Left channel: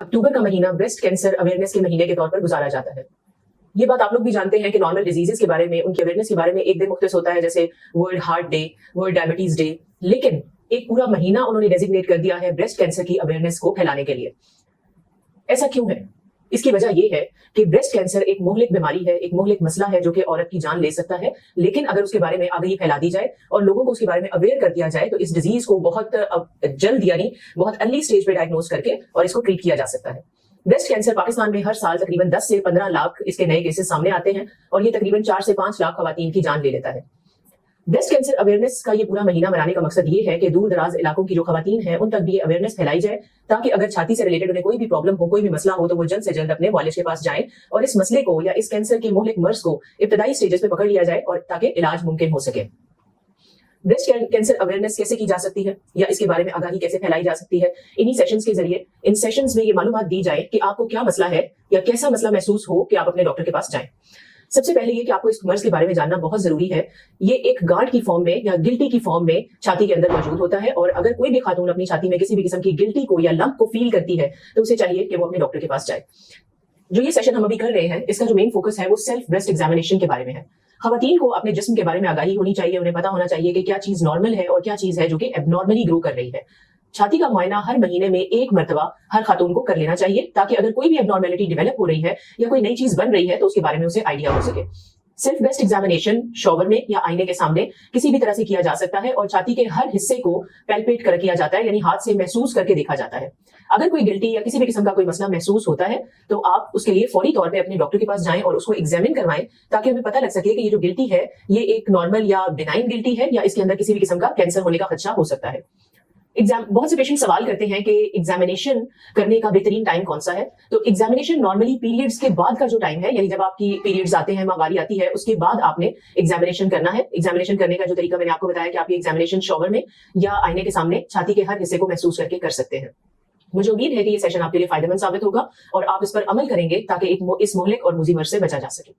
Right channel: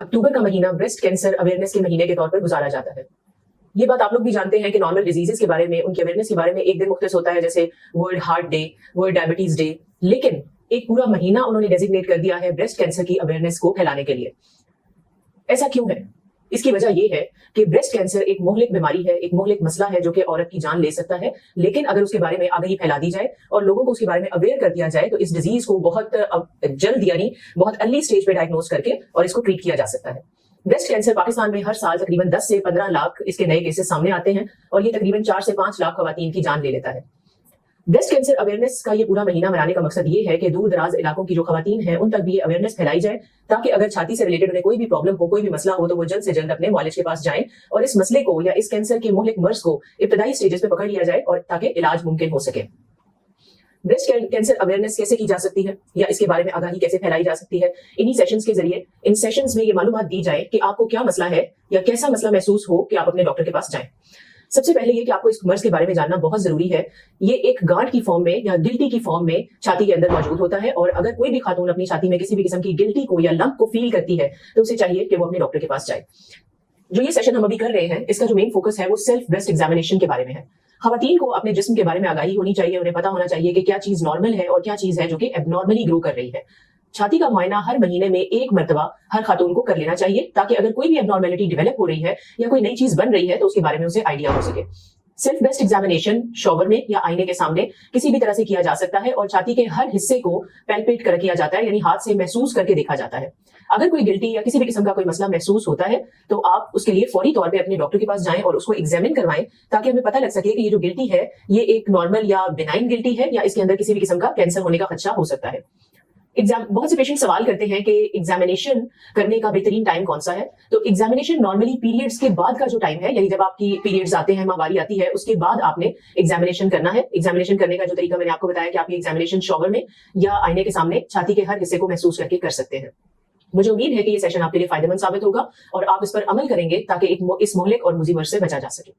अक्टूबर का महीना breast cancer awareness के महीने के तौर पर गुजारा जाता है। ये बात आप लोग भी जानते हैं कि नॉर्मल डिजीजेस के बारे में, उनकी अवेयरनेस के बारे में एक दिन मुख्तस होता है, जैसे world heart day, world diabetes day, लेकिन एक पूरा महीना उन्होंने डेजिग्नेट कर दिया है ब्रेस्ट कैंसर की अवेयरनेस को फैलाने के लिए। ऐसा क्यों है? इसकी वजह यह है कि ब्रेस्ट कैंसर एक मोहलिक बीमारी है, एक मोहलिक मसला है जो कि औरत की जान ले सकता है, लेकिन अगर उसके बारे में आगाही फैला दी जाए और लोगों को उसके बारे में अवेयर कर दिया जाए तो इस डिजीज को बहुत जल्द यानी बहुत अर्ली स्टेज पे डायग्नोज करके और इसको ट्रीट किया जा सकता है। ब्रेस्ट कैंसर पाकिस्तान में हर साल तकरीबन 10 से 15 लाख इसके नए केसेस सामने आते हैं और ये तकरीबन 4 से 5 लाख खवातीन की जान ले लेता है। ब्रेस्ट कैंसर अवेयरनेस का ये पूरा महीना मनाने का मकसद ये है कि दूर दराज इलाकों की जो खवातीन हैं उन तक भी ये अवेयरनेस फैलाई जाए, ताकि अगर छाती से रिलेटेड उन्हें कोई भी प्रॉब्लम हो, कोई भी मसला हो, तो वो जल्द से जल्द अपने वालिद के पास जाएं और इस मसले को या इस कैंसर के मोहलिक मर्ज को इब्तदाई स्टेजेस पे पकड़ लिया जाए और ताकि इलाज मुमकिन हो सके। ब्रेस्ट कैंसर अवेयरनेस कैसे की जा सकती है या इसके बारे में आगाही कैसे फैलाई जा सकती है? इन्हीं सेशंस के जरिए, इन सेशंस में ये मालूमात दी जाए कि आपको क्या मसला है या कैसा मसला महसूस हो कि आप अपने डॉक्टर के पास जाएं। सबसे पहले ये कि आपको इस मर्ज के बारे में जानना बहुत जरूरी है। ये एक गांठ की फॉर्म में या गिल्टी की फॉर्म में छाती के अंदर मौजूद होता है और अगर कोई भी खातून अपनी छाती में किसी भी किस्म की गिल्टी को या लंप को फील करती है तो उसे चाहिए कि वो अपने डॉक्टर के पास जाए। जो ये सेशन हम अभी कर रहे हैं, इसका जो मेन फोकस है वो सेल्फ ब्रेस्ट एग्जामिनेशन के बारे में है। खवातीन को अपने जिस्म के बारे में आगाही होनी चाहिए, उन्हें पता होना चाहिए कि क्या चीज नॉर्मल है और क्या चीज है जो कि एबनॉर्मली ग्रो कर रही है। छाती का मुआयना हर महीने में एक मरतबा हर खातून को कर लेना चाहिए, ताकि अगर कोई भी एबनॉर्मेलिटी डेवलप हो रही है या कोई नई चीज बन रही है तो उसके बारे में उसे आइडिया हो सके। सेल्फ ब्रेस्ट एग्जामिनेशन शॉवर में या आईने के सामने किसी भी तरह से किया जा सकता है और छाती के हर हिस्से को पैल्पेट कर किया जाता है, यानी हाथ से महसूस करके देखा जाता है। अगर कोई गिल्टी या किसी भी किस्म का कोई मसला महसूस होता है तो आप उसके लिए फौरी तौर पे अपने डॉक्टर के पास जाएं और उसको एग्जामिन करवाएं, ताकि हमें पता लग सके कि ये जो गिल्टी है ये एक नॉर्मल या बिनाइन गिल्टी है या इसके अंदर किसी भी किस्म का कैंसर होने का खदशा हो सकता है। बहुत से पेशेंट सवाल करते हैं कि एग्जामिनेशन करने का बेहतरीन टाइम कौन सा है। तो एग्जामिनेशन नॉर्मली पीरियड्स के बाद का जो टाइम है, यानी जब आपकी पीरियड्स आते हैं, माहवारी आती है, उसके बाद आपने एग्जामिनेशन करना है। एग्जामिनेशन करने का जो तरीका मैंने आपको बताया कि आप ये एग्जामिनेशन शॉवर में या आईने के सामने छाती के हर हिस्से को महसूस करके कर सकते हैं। मुझे उम्मीद है कि ये सेशन आपके लिए फायदेमंद साबित होगा और आप इस पर अमल करेंगे ताकि इस मोहलिक और मूजी मर्ज से बचा जा सके।